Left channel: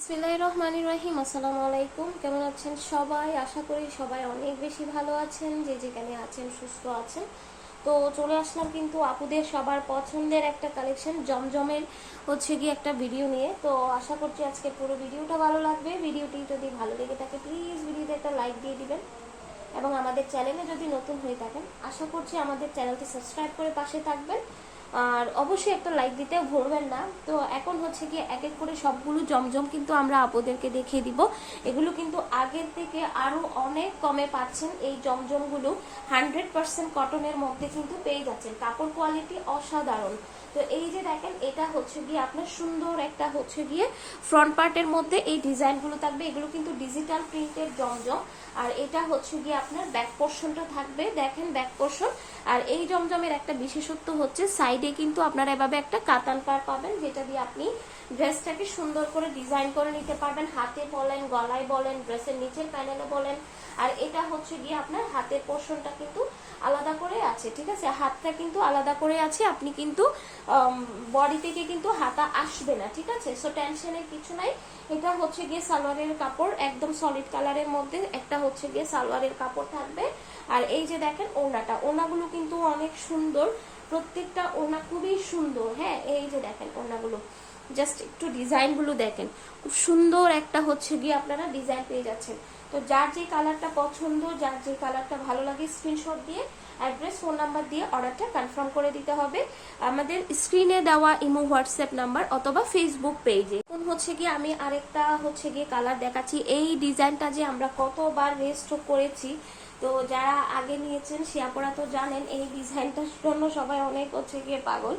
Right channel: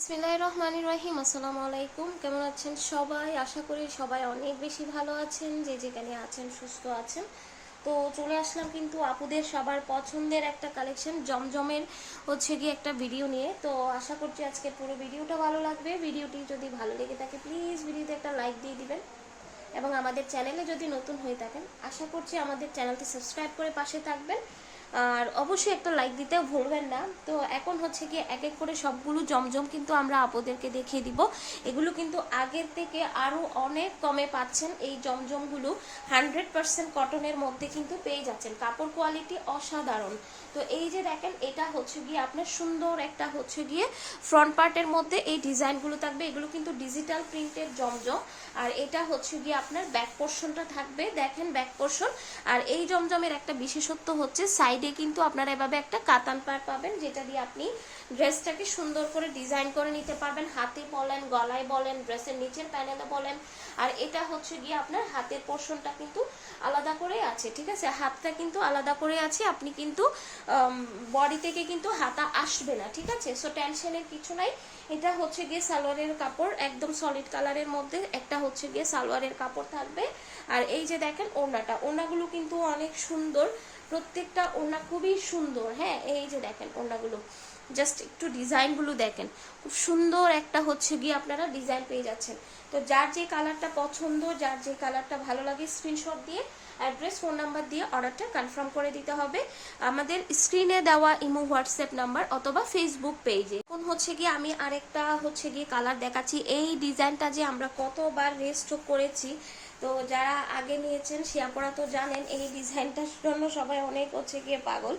বিসমিল্লাহির রহমানির রহিম। আসসালামু আলাইকুম। কেমন আছেন সবাই? আশা করি সবাই অনেক বেশি ভালো আছেন, যে যেখানে আছেন সুস্থ আছেন। তো চলে আসলাম কিন্তু আপুদের সবার পছন্দের একটা কালেকশন জমজমের গিয়ে একটা ভিডিও নিয়ে। তো আশা করছি আজকে পুরো ভিডিওটা ভালো লাগবে। ভিডিওটি যদি ভালো লেগে থাকে প্লিজ ভিডিওতে একটা লাইক দিয়ে দিবেন, এবং আমাদের চ্যানেলে যদি নতুন হয়ে থাকেন আশা করছি আমাদের চ্যানেলটি সাবস্ক্রাইব করে পাশে থাকবেন, আর অবশ্যই একটা লাইক দিতেও ভুলবেন না। তো এখন গিয়ে এক এক করে সবগুলো জমজম কিন্তু আমরা আপনাদেরকে দেখিয়ে দিব। এগুলো কিন্তু আগের থেকে আরো অনেক কমে পাচ্ছেন। এই জমজমগুলো 100% কটনের মধ্যে কিন্তু পেয়ে যাচ্ছেন। কাপড় কোয়ালিটি অসাধারণ। তো এই যে দেখেন, এটা গিয়ে আপনার সুন্দর একটা গিয়ে ফ্রন্ট পার্টের মধ্যে এই ডিজাইনগুলো থাকবে। এগুলো কিন্তু ডিজিটাল প্রিন্টের জমজম। আর এটা গিয়ে আপনার ব্যাক পোর্শনটা থাকবে, দেখেন ব্যাক পোর্শন। আর এই জমজমের একটা বিশেষত্ব হচ্ছে সাইডে কিন্তু আপনারা এভাবে একটা কাতান পার পাবেন, যেটা দিয়ে আপনি ড্রেসটাকে সুন্দর করে ডিজাইন করে নিতে পারবেন। হাতে বলেন, গলায় বলেন, ড্রেসের নিচের প্যানেলে বলেন। আর এটা গিয়ে আপনার হাতের পোর্শনটা কিন্তু আলাদা করে আছে, ঠিক আছে? হাতটা কিন্তু আলাদা করে আছে, আপনি কিন্তু বডি থেকে কিন্তু হাতা আসবে না, ঠিক আছে? সো টেনশনের কিছু নাই। এটা গিয়ে সালোয়ারের কাপড়, একদম সলিড কালারের মধ্যে একটা গিয়ে সালোয়ারের কাপড় থাকবে। আর এই যে দেখেন ওড়নাটা, ওড়নাগুলো কিন্তু অনেক সুন্দর, প্রত্যেকটা ওড়না খুবই সুন্দর। হ্যাঁ, এই যে দেখেন ওড়নাগুলো, জাস্ট একটু ডিজাইনগুলো দেখেন, খুব সুন্দর একটা গিয়ে আপনারা ডিজাইন পেয়ে যাচ্ছেন। তো যার যে কালারটা পছন্দ, যার যে কালারটা ভালো লাগে, স্ক্রিনশট দিয়ে অ্যাড্রেস, ফোন নাম্বার দিয়ে অর্ডারটা কনফার্ম করে দিতে হবে আমাদের স্ক্রিনে দেওয়া ইমো, হোয়াটসঅ্যাপ নাম্বার অথবা ফেসবুক পেজে। এখন গিয়ে আমি আরেকটা গিয়ে কালার দেখাচ্ছি। এই ডিজাইনটা যে আমরা কতবার রেস্টক করেছি, তো যারা আগে নিয়েছেন সে আপনারা তো জানেন এই ডিজাইনটার জন্য সবাই অনেক গিয়ে পাগল।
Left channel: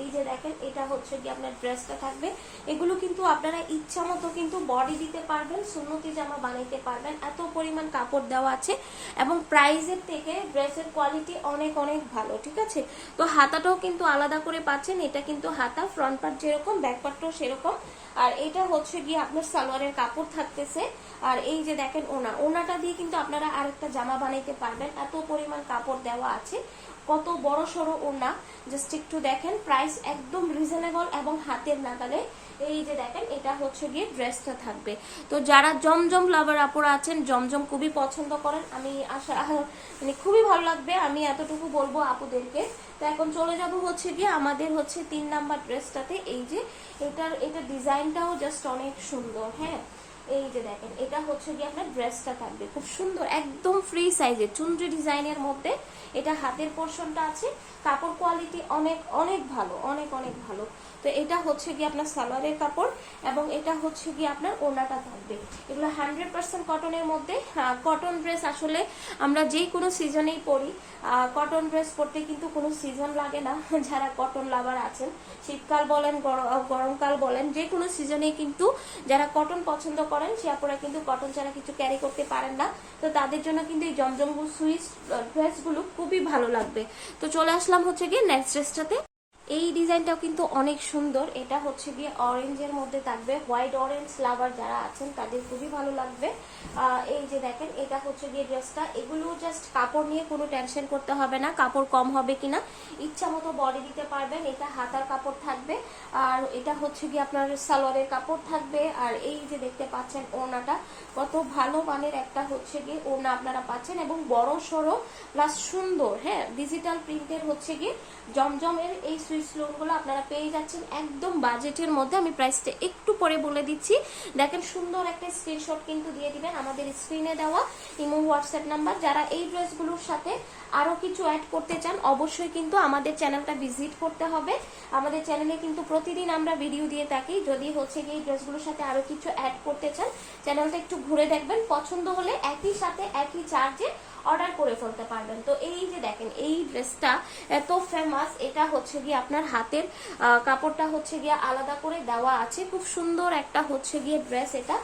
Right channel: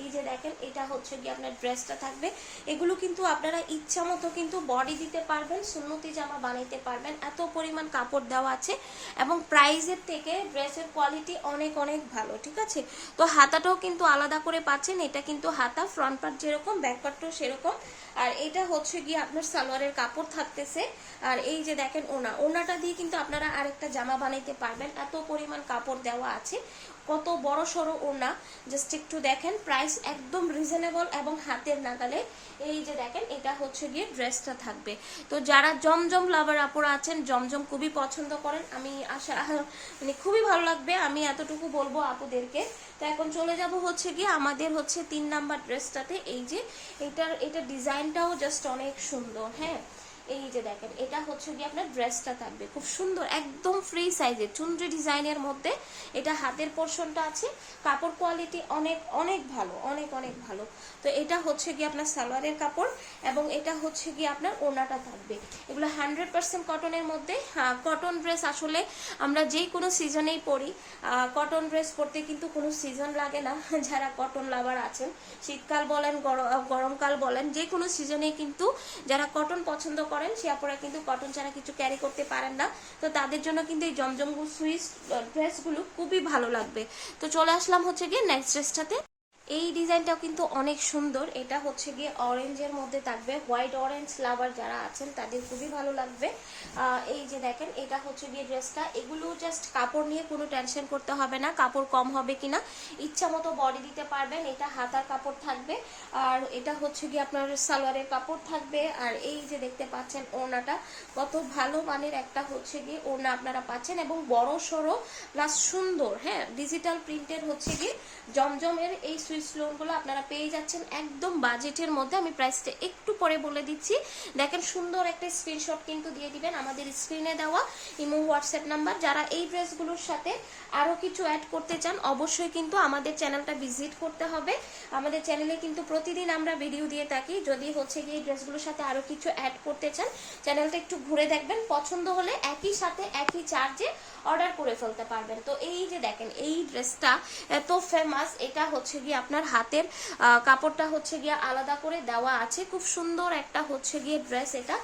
এই যে দেখেন, এটা গিয়ে আপনার ড্রেসটা থাকবে। এগুলো কিন্তু আপনারা ইচ্ছা মতো কিন্তু বডি দিতে পারবেন, সুন্নতি জামা বানাইতে পারবেন, এত পরিমাণ কাপড় দেওয়া আছে। এবং প্রাইসের থেকে ড্রেসের কোয়ালিটি অনেক অনেক ভালো, ঠিক আছে? তো হাতাটাও কিন্তু আলাদা করে পাচ্ছেন। এটা কিন্তু হাতা, ফ্রন্ট পার্ট যেরকম, ব্যাক পার্টটাও সেরকম। আর এটা গিয়ে আপনার সালোয়ারের কাপড় থাকতেছে। আর এই যে দেখেন ওনাটা দিয়ে কিন্তু আপনারা আরেকটা জামা বানাইতে পারবেন, এত পরিমাণ কাপড় দেওয়া আছে। কত বড় সড়ো ওড়না, জাস্ট একটু দেখেন। প্রাইস একদম রিজনেবল এবং হাতের নাগালে। এই যে দেখেন, এটা গিয়ে ড্রেসটা থাকবে। তো যারা জমজম লাভার আপুরা আছেন, জমজম খুবই পছন্দ করেন, আমি আশা মানে খুবই ভালো লাগবে, আমি এতটুকু বলবো আপুদেরকে। তো এখন চলে যাব গিয়ে আমাদের 3 নাম্বার ড্রেসটাতে। এই যে এটা ডিজাইনটাও জাস্ট অনেক সুন্দর। হ্যাঁ, এই যে দেখেন, এটা গিয়ে আপনার ড্রেসটা থাকবে খুব সুন্দর, একদম ফ্রি সাইজের চুনরি ডিজাইনের মধ্যে। এটা হাতের পোর্শনটা আছে, কাপড় কোয়ালিটি অনেক অনেক ভালো, অনেক অনেক ভালো। তো এটা গিয়ে আপনার সালোয়ারের কাপড়, এবং এটা গিয়ে আপনার ওড়নাটা থাকবে। এগুলো 100% কটনের মধ্যে। কটন ড্রেস আসলে আমরা যেই কোনো সিজনেই পরি, কটন ড্রেস পরতে কিন্তু কোনো সিজন লাগে না। যারা কটন লাভার আছেন, শীতকাল বলেন, গরমকাল বলেন, যে কোনো সিজনে কিন্তু যারা কটন পছন্দ করেন সে আপনারা কিন্তু কটন ছাড়া কিছু ক্যারি করতে পারেন না। তো তাদের জন্য কিন্তু এই জমজম সুইস ড্রেসগুলো খুবই ভালো লাগবে। তো চলে আসলাম গিয়ে নেক্সট ড্রেসটাতে। এই ডিজাইনটাও কিন্তু অনেক সুন্দর। এটা গিয়ে অরেঞ্জের মধ্যে থাকবে। হোয়াইট অরেঞ্জ লাভার যারা আছেন তাদের খুবই ভালো লাগবে। এই যে দেখেন, এটা গিয়ে ড্রেসটা। এগুলো জাস্ট কাপড় নিয়ে কোনো টেনশন করতে হবে না, কাপড় কম হবে কিনা, ইচ্ছা মতো বডি দিতে পারবেন। এটা হাতার কাপড় থাকবে, আর এটা গিয়ে আপনার সালোয়ারের কাপড় থাকবে। আর এই যে দেখতে পাচ্ছেন ওড়নাটা, কত ভালো মানের একটা গিয়ে ওড়না আপনারা পাচ্ছেন, এবং বড় সড়ো প্লাস সুন্দর। হ্যাঁ, ডিজিটাল প্রিন্টের গিয়ে জমজমের এই সুইস লোনগুলো আপনারা পেয়ে যাচ্ছেন একদম বাজেটের মধ্যে। আমি প্রাইসটা একটু পরে বলে দিচ্ছি। দেখেন, সুন্দর একটা স্ক্রিনশট কিন্তু দিয়ে দিবেন আমাদের স্ক্রিনে দেওয়া ইমো, হোয়াটসঅ্যাপ নাম্বার। যারা এই ড্রেসগুলোর সাথে আরো কিছু অ্যাড করতে চান অবশ্যই কিন্তু আমাদের চ্যানেলটা ভিজিট করতে হবে। আমাদের চ্যানেলে কিন্তু প্রতিদিন আমরা ভিডিও দিয়ে থাকি। যদি গিয়ে এই ড্রেসগুলোর সাথে আরো কিছু অ্যাড করতে চান, চ্যানেলটা একটু ঘুরে দেখবেন, পছন্দ হলে একই সাথে একই চার্জে অর্ডার করে ফেলতে পারবেন। তো এই যে দেখেন, এই ড্রেসটা এত ফেমাস। এটা গিয়ে আপনার হাতের কাপড়টা গিয়ে আলাদা করে দেওয়া আছে, খুব সুন্দর একটা গিয়ে ড্রেস। এটা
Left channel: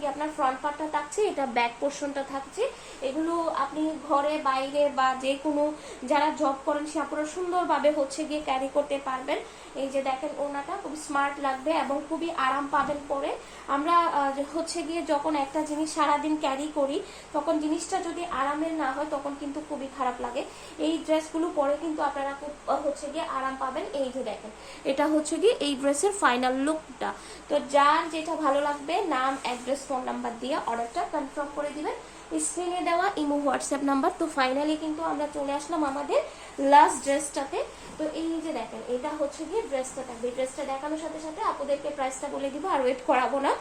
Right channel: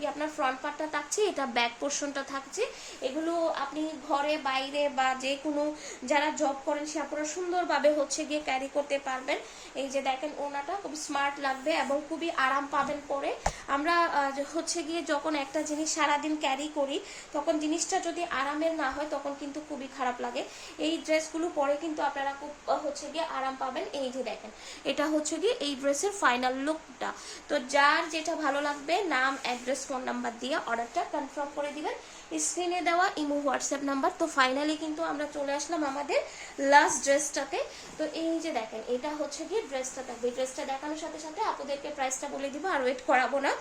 গিয়ে আপনার ফ্রন্ট পার্টটা থাকছে, এটা ব্যাক পোর্শনটা থাকছে। এগুলো আপনি ঘরে বাইরে বা যে কোনো যারা জব করেন সে আপনারা সুন্দরভাবে গিয়ে ক্যারি করতে পারবেন। এই যে দেখেন, ওনাটা খুব স্মার্ট লাগবে এবং খুবই আরাম পাবেন পরে। আমরা হচ্ছে গিয়ে যখন একটা জিনিস সারাদিন ক্যারি করি তখন জিনিসটা যদি আরামের না হয় তখন কিন্তু খুবই খারাপ লাগে। এই ড্রেসগুলো পরে কিন্তু আপনারা খুব হচ্ছে গিয়ে আরাম পাবেন। এই যে দেখেন, এটা হচ্ছে গিয়ে এই ড্রেসের ফাইনাল লুকটা। তো যার যেটা ভালো লাগবে নাম, অ্যাড্রেস, ফোন নাম্বার দিয়ে অর্ডারটা কনফার্ম করে দিবেন। স্ক্রিনে দেওয়া ইমো হোয়াটসঅ্যাপ নাম্বার। তো ফাইনালি কিন্তু আমরা চলে আসলাম আমাদের লাস্ট ড্রেসটাতে। তো এই যে দেখেন, এটা হচ্ছে গিয়ে ড্রেসটা থাকবে। ড্রেসটা দেখানোর সাথে সাথে আপুদেরকে প্রাইসটা বলে দিব, আর ওয়েট করাবো না।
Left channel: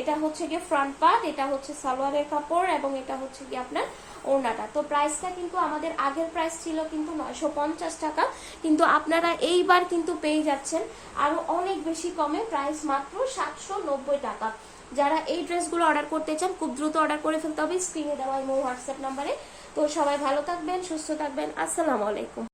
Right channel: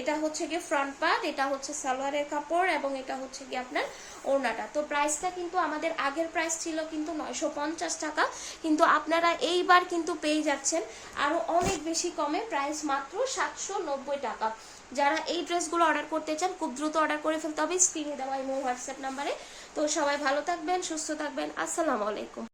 এটা হচ্ছে গিয়ে ফ্রন্ট পার্ট, এটা হচ্ছে সালোয়ারের কাপড়, এবং এটা হচ্ছে গিয়ে আপনার ওড়নাটা। তো প্রাইসটা কিন্তু আমাদের আগের প্রাইস ছিল কিন্তু 950 টাকা, কিন্তু আপনারা এইবার কিন্তু পেয়ে যাচ্ছেন আরো অনেক বেশি কমে, প্রাইস মাত্র 790 টাকা। যারা এই ড্রেসগুলো অর্ডার করতে চান খুব দ্রুত অর্ডার করে ফেলতে হবে স্ক্রিনে দেওয়া ইমো হোয়াটসঅ্যাপ নাম্বারে। তো সবাই ভালো থাকবেন, সুস্থ থাকবেন। আসসালামু আলাইকুম।